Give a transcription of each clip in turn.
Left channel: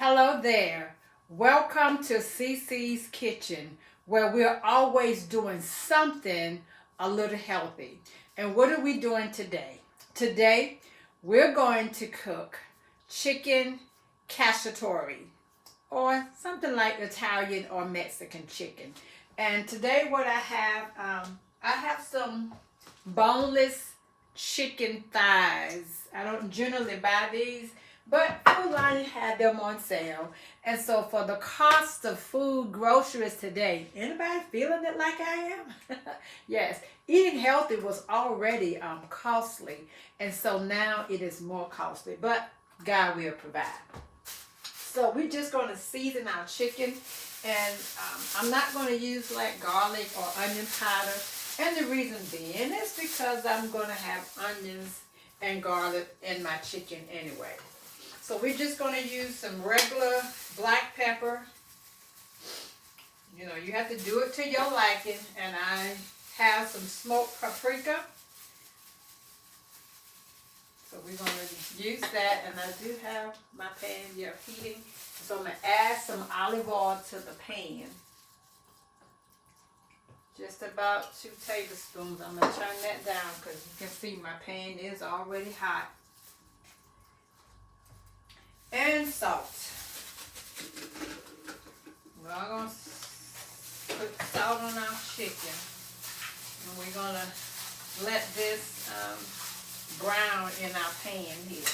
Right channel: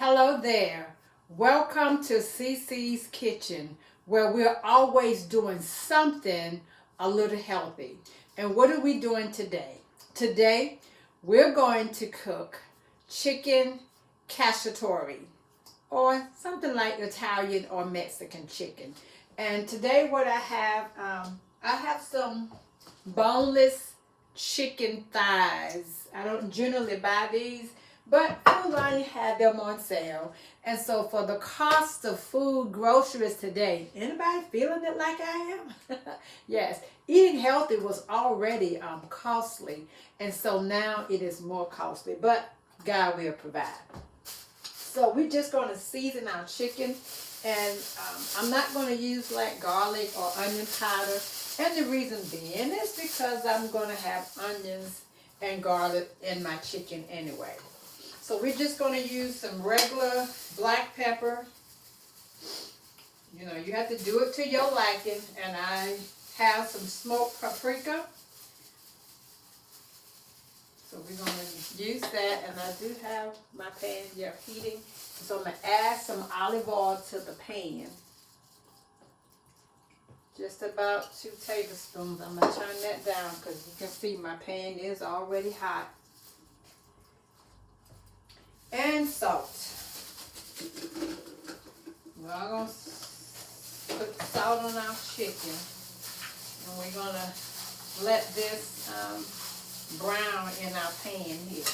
Hello there. Welcome to CC's Kitchen, where we're always doing something a little healthy. And what are we doing today? Today, we're going to cook chicken cacciatore, or something like Italian or Mexican chicken. And today, what I have some boneless chicken thighs. I don't generally buy these, but Food Lion had them on sale. And so for the cost of food groceries today, anybody feeling it like I am? Yes, eating healthy was already costly, and so now it is more costly, but God will provide. So we're just going to season our chicken, and I'm not going to use like garlic or onion powder. And the reason being is because I'm going to have onions and garlic in my chicken anyway. So we're just going to use some regular black pepper. You know, you have to do it to your liking. And I have some smoked paprika. So we're going to use that. And I do have my pan here heating. So I'm going to add some olive oil to the pan. Just about 2 tablespoons. I'm going to turn that down because you can see my pan is already hot. And salt. We're going to put salt on our chicken. And we're going to let this brown in our pan here.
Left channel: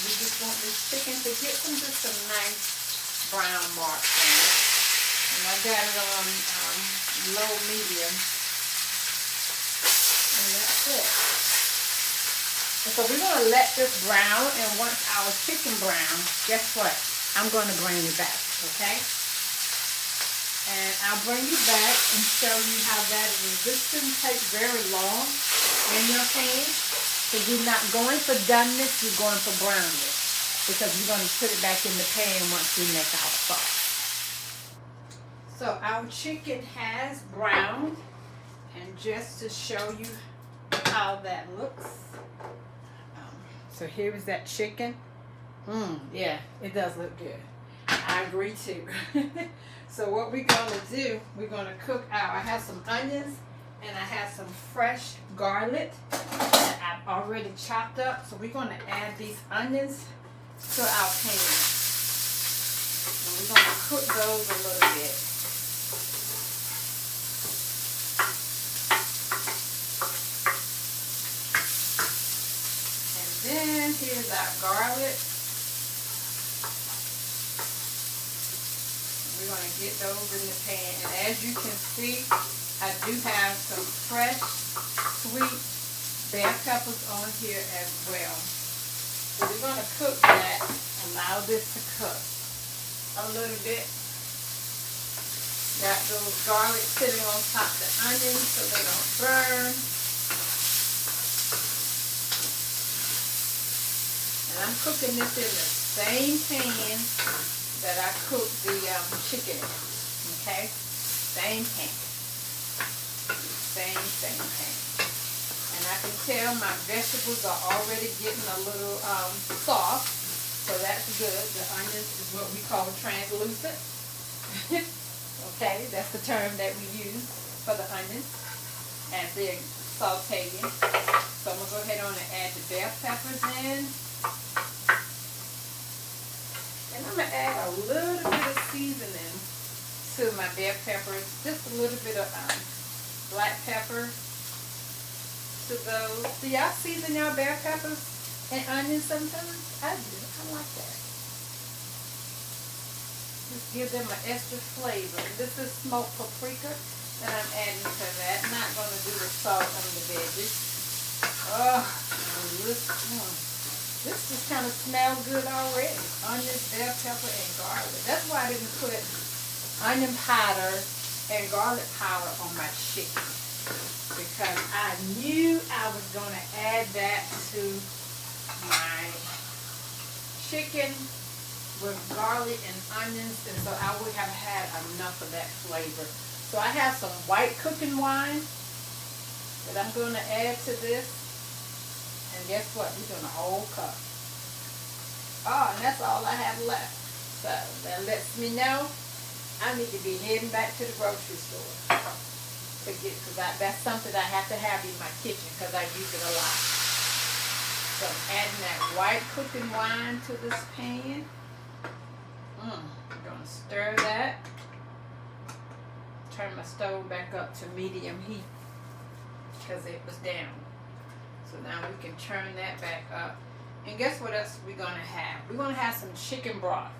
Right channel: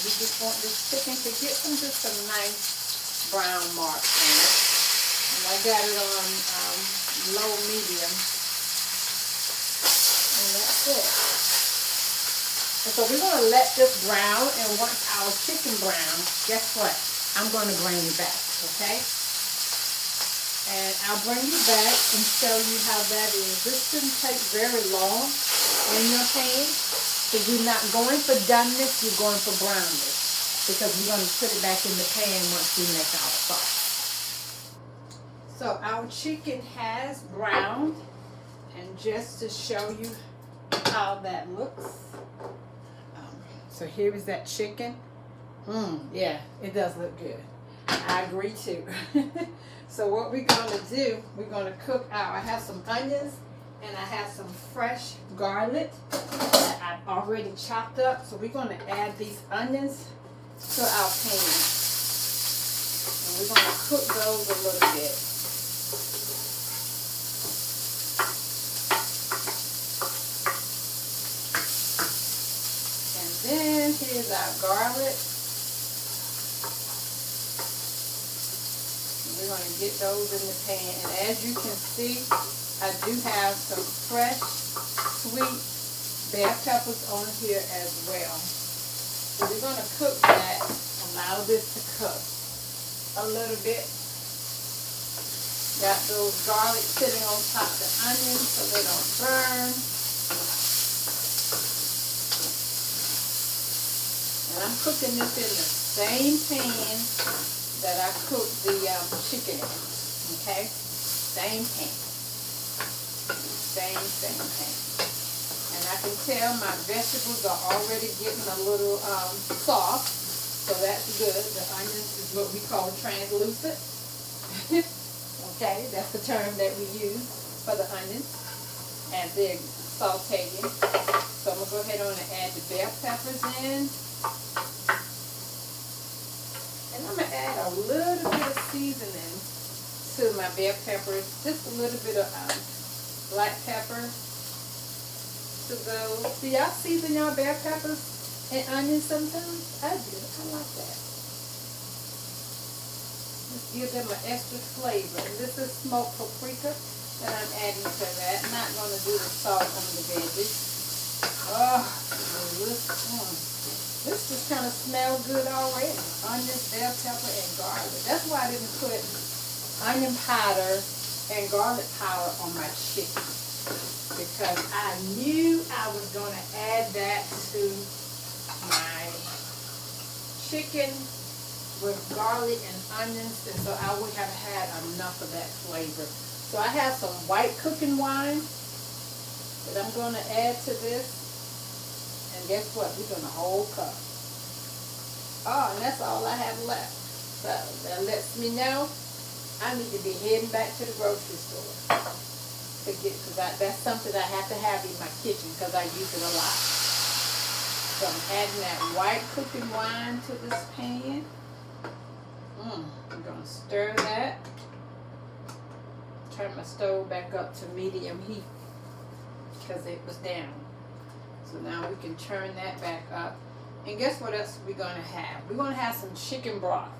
We just want this chicken to get just some nice brown marks on it. And I got it on low medium. And that's it. And so we're going to let this brown, and once our chicken brown, guess what? I'm going to bring you back, okay? And I'll bring you back and show you how that is. This shouldn't take very long in your pan. So you're not going for doneness, you're going for brownness. Because we're going to put it back in the pan once we make our sauce. So our chicken has browned. And just to show you how that looks. So here is that chicken. Yeah, it does look good. I agree too. So what we're going to do, we're going to cook our, I have some onions. And I have some fresh garlic that I've already chopped up. So we're going to add these onions to our pan. And we're going to cook those a little bit. And then here's our garlic. And we're going to get those in the pan. And as you can see, I do have some fresh, sweet bell peppers on here as well. So we're going to cook that, allow this to cook a little bit. Got those garlic sitting on top of the onions so they don't burn. And I'm cooking this in the same pan that I cooked the chicken in. Okay? Same pan. Same thing. And I can tell my vegetables are already getting a little soft, so that's good. The onions is what we call translucent. Okay, that's the term that we use for the onions as they're sauteing. So I'm going to go ahead on and add the bell peppers in. And I'm going to add a little bit of seasoning to my bell peppers, just a little bit of black pepper to those. Do y'all season y'all bell peppers and onions sometimes? I do. I like that. Just give them an extra flavor. And this is smoked paprika that I'm adding to that. I'm not going to do the salt on the veggies. Oh, this just kind of smells good already. Onions, bell pepper, and garlic. That's why I didn't put onion powder and garlic powder on my chicken, because I knew I was going to add that to my chicken with garlic and onions, and so I would have had enough of that flavor. So I have some white cooking wine, that I'm going to add to this. And guess what? We're doing a whole cup. Oh, and that's all I have left. So that lets me know I need to be heading back to the grocery store to get, because that's something I have to have in my kitchen because I use it a lot. So I'm adding that white cooking wine to this pan. I'm going to stir that. Turn my stove back up to medium heat because it was down. So now we can turn that back up. And guess what else we're going to have? We're going to have some chicken broth.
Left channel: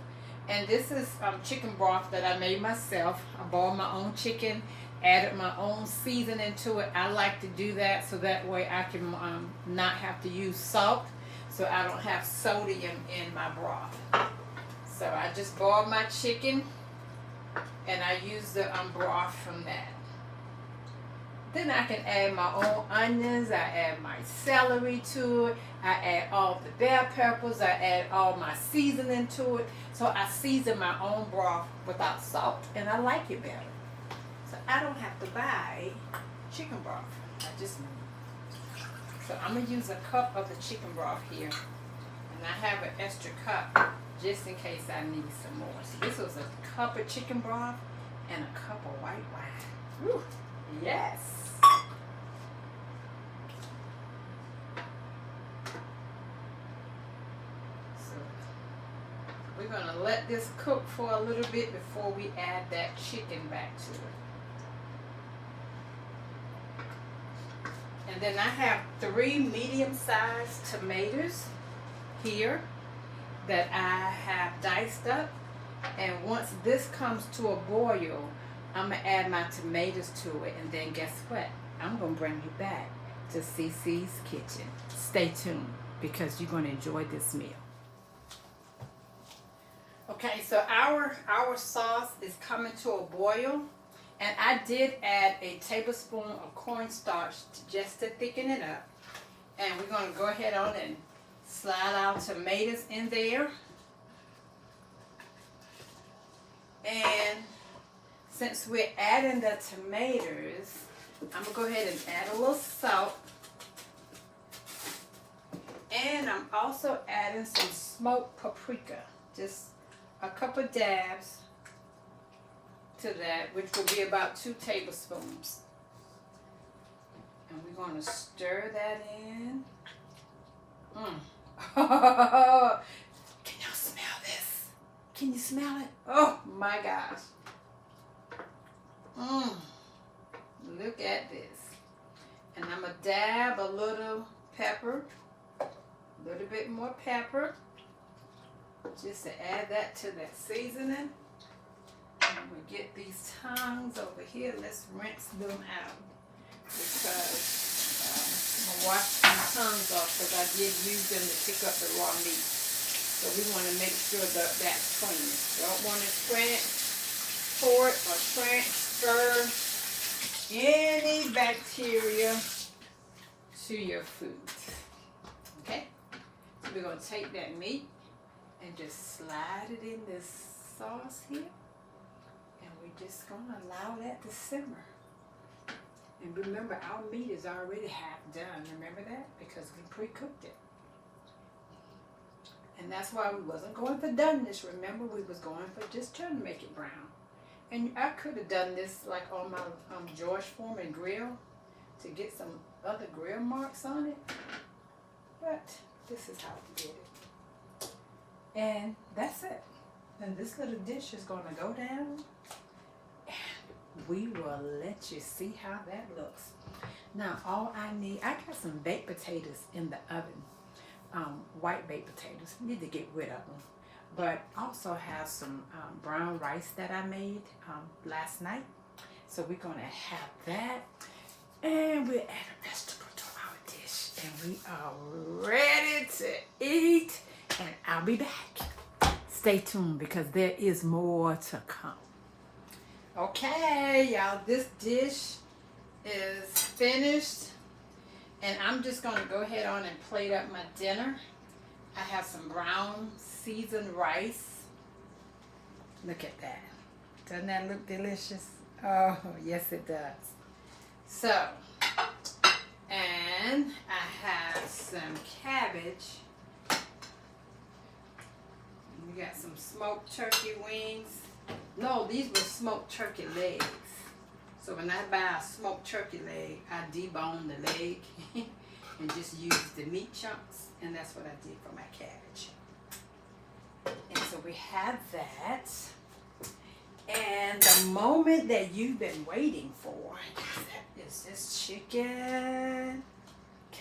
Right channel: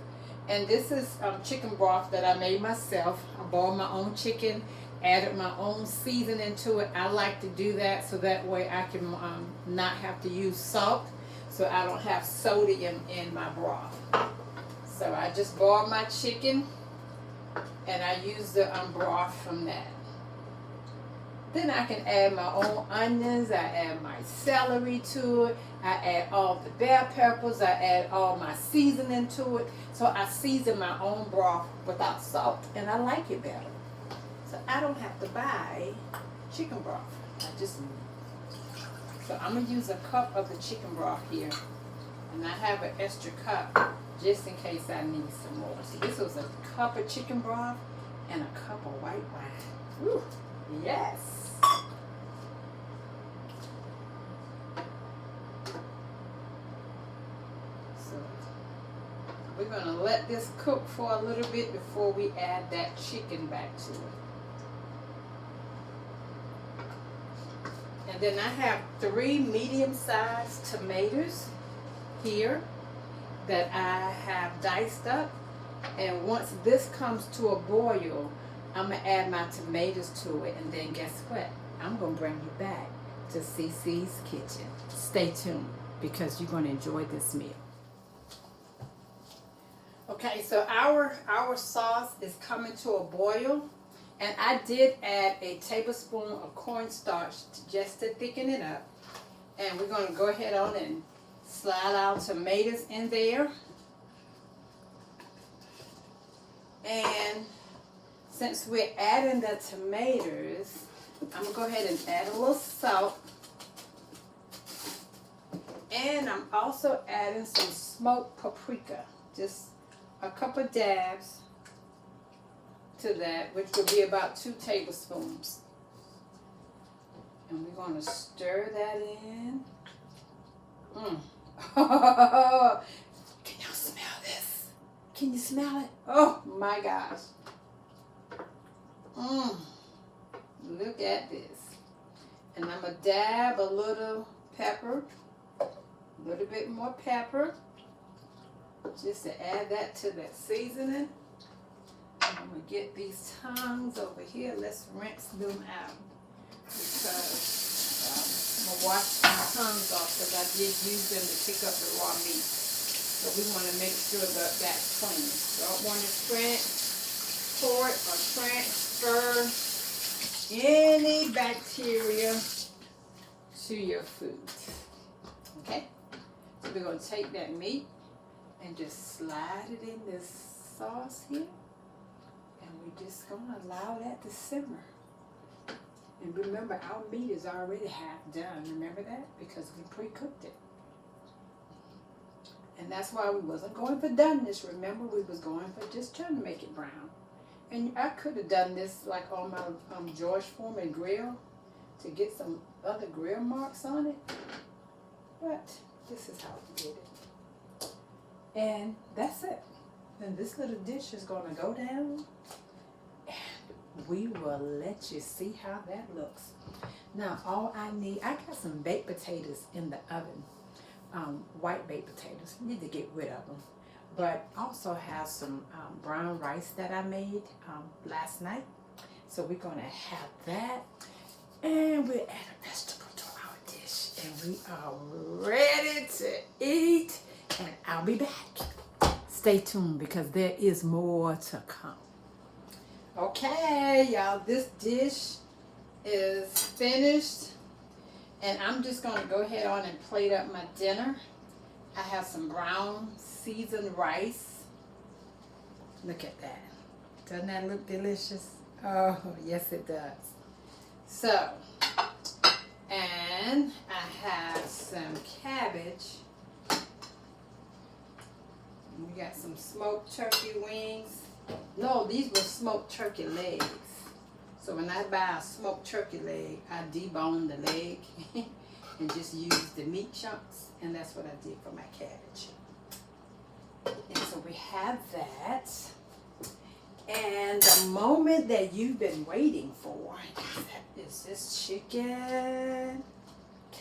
And this is chicken broth that I made myself. I boiled my own chicken, added my own seasoning to it. I like to do that so that way I can not have to use salt, so I don't have sodium in my broth. So I just boiled my chicken and I use the broth from that. Then I can add my own onions, I add my celery to it, I add all the bell peppers, I add all my seasoning to it. So I season my own broth without salt, and I like it better. So I don't have to buy chicken broth. So I'm going to use a cup of the chicken broth here, and I have an extra cup just in case I need some more. So this was a cup of chicken broth and a cup of white wine. Woo, yes. We're going to let this cook for a little bit before we add that chicken back to it. And then I have 3 medium-sized tomatoes here that I have diced up. And once this comes to a boil, I'm going to add my tomatoes to it. And then guess what? I'm going to bring you back to CC's Kitchen. Stay tuned because you're going to enjoy this meal. Okay, so our sauce is coming to a boil, and I did add a tablespoon of cornstarch just to thicken it up. And we're going to go ahead on and slide our tomatoes in there. And since we're adding the tomatoes, I'm going to go ahead and add a little salt. And I'm also adding some smoked paprika, just a couple dabs to that, which will be about 2 tablespoons. And we're going to stir that in. Can y'all smell this? Can you smell it? Oh my gosh. Look at this. And I'm going to dab a little pepper, a little bit more pepper, just to add that to that seasoning. I'm going to get these tongues over here. Let's rinse them out because I'm going to wash these tongues off because I did use them to pick up the raw meat. So we want to make sure that that's clean. Don't want to transport or transfer any bacteria to your food. Okay? So we're going to take that meat and just slide it in this sauce here. And we're just going to allow that to simmer. And remember, our meat is already half done. Remember that? Because we pre-cooked it. And that's why we wasn't going for doneness. Remember, we was going for just trying to make it brown. And I could have done this like on my George Foreman grill to get some other grill marks on it. But this is how we did it. And that's it. And this little dish is going to go down. And we will let you see how that looks. Now, all I got some baked potatoes in the oven. White baked potatoes. Need to get rid of them. But also have some brown rice that I made last night. So we're going to have that. And we'll add a vegetable to our dish. And we are ready to eat. And I'll be back. Stay tuned because there is more to come. Okay, y'all, this dish is finished. And I'm just going to go ahead on and plate up my dinner. I have some brown seasoned rice. Look at that. Doesn't that look delicious? Oh, yes it does. So, And I have some cabbage. We got some smoked turkey wings. No, these were smoked turkey legs. So when I buy a smoked turkey leg, I debone the leg and just use the meat chunks. And that's what I did for my cabbage. And so we have that. And the moment that you've been waiting for is this chicken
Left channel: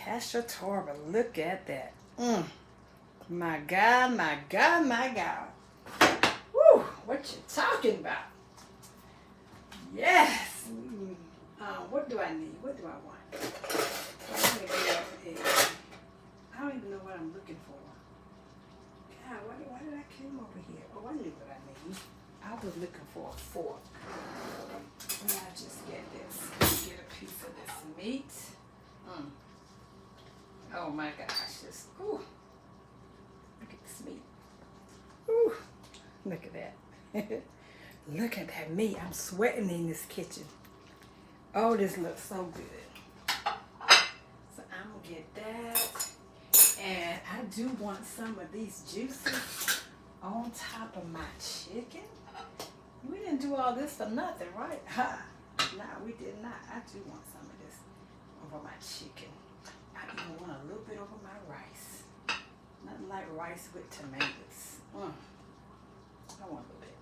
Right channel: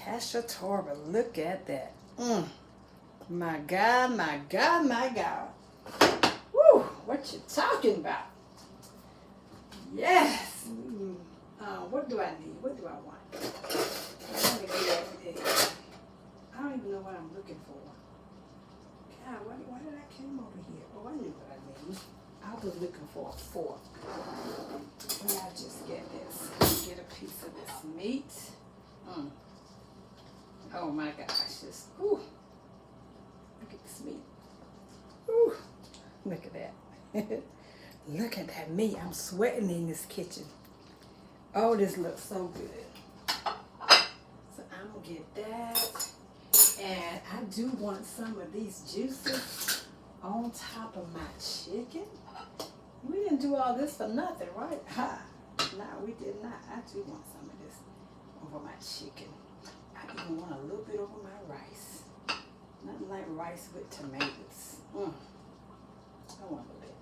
Cacciatore. Look at that. My God, my God, my God. Woo, what you talking about? Yes. What do I need? What do I want? I want to get everything. I don't even know what I'm looking for. God, why did I came over here? Oh, I knew what I need. I was looking for a fork. And I just get this. Get a piece of this meat. Oh my gosh. Just, ooh. Look at this meat. Ooh. Look at that. Look at that meat. I'm sweating in this kitchen. Oh, this looks so good. So I'm going to get that. And I do want some of these juices on top of my chicken. We didn't do all this for nothing, right? Ha! No, we did not. I do want some of this over my chicken. I even want a little bit over my rice. Nothing like rice with tomatoes. I want a little bit.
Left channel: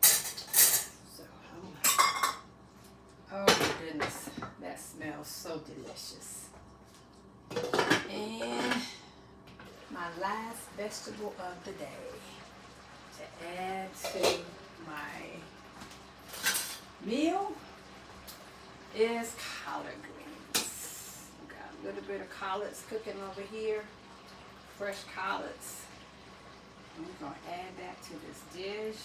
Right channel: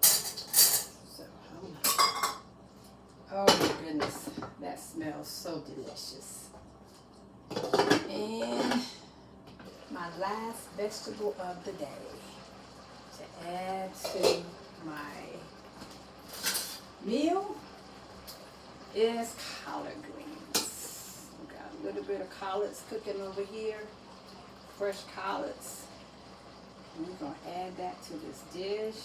So, oh my goodness. That smells so delicious. And my last vegetable of the day to add to my meal is collard greens. I've got a little bit of collards cooking over here, fresh collards. And we're going to add that to this dish.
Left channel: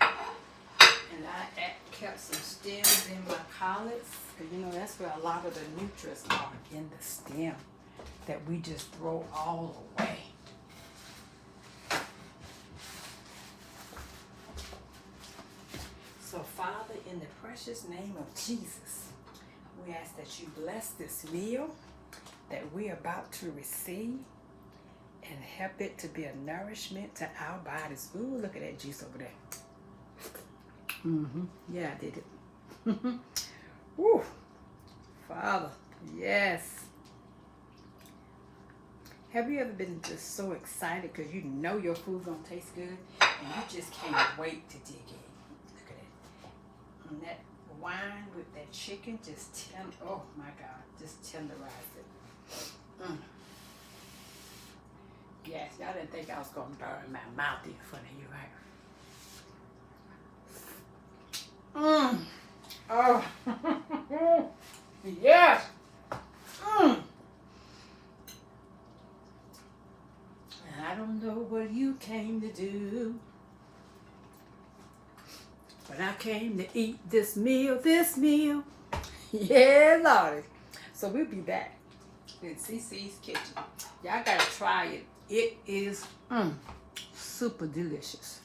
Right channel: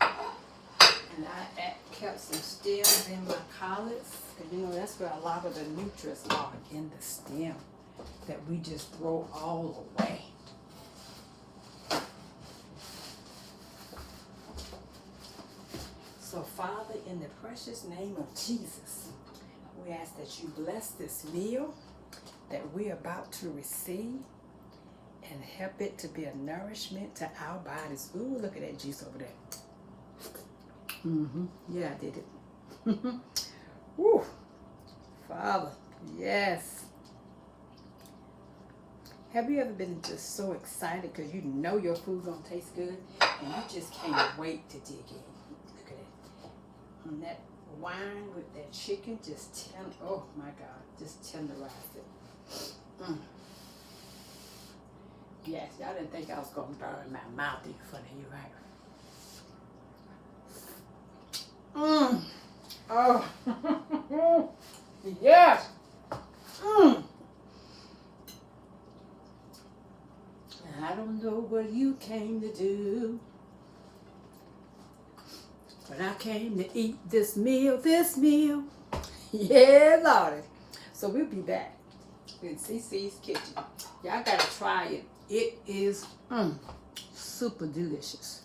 And I kept some stems in my collards. And you know, that's where a lot of the nutrients are in the stem that we just throw all away. So, Father, in the precious name of Jesus, we ask that you bless this meal that we're about to receive and help it to be a nourishment to our bodies. Ooh, look at that juice over there. Yeah, I did it. Woo. Father, yes. Have you ever been just so excited because you know your food's going to taste good and you just can't wait to dig in? Look at that. And that wine with that chicken just oh my God, just tenderized it. Yes, y'all didn't think I was going to burn my mouth in front of you, right? Oh, yes. I don't know what you came to do, but I came to eat this meal. Yeah, Lord. So we'll be back in CC's kitchen. Y'all gotta try it. It is super delicious.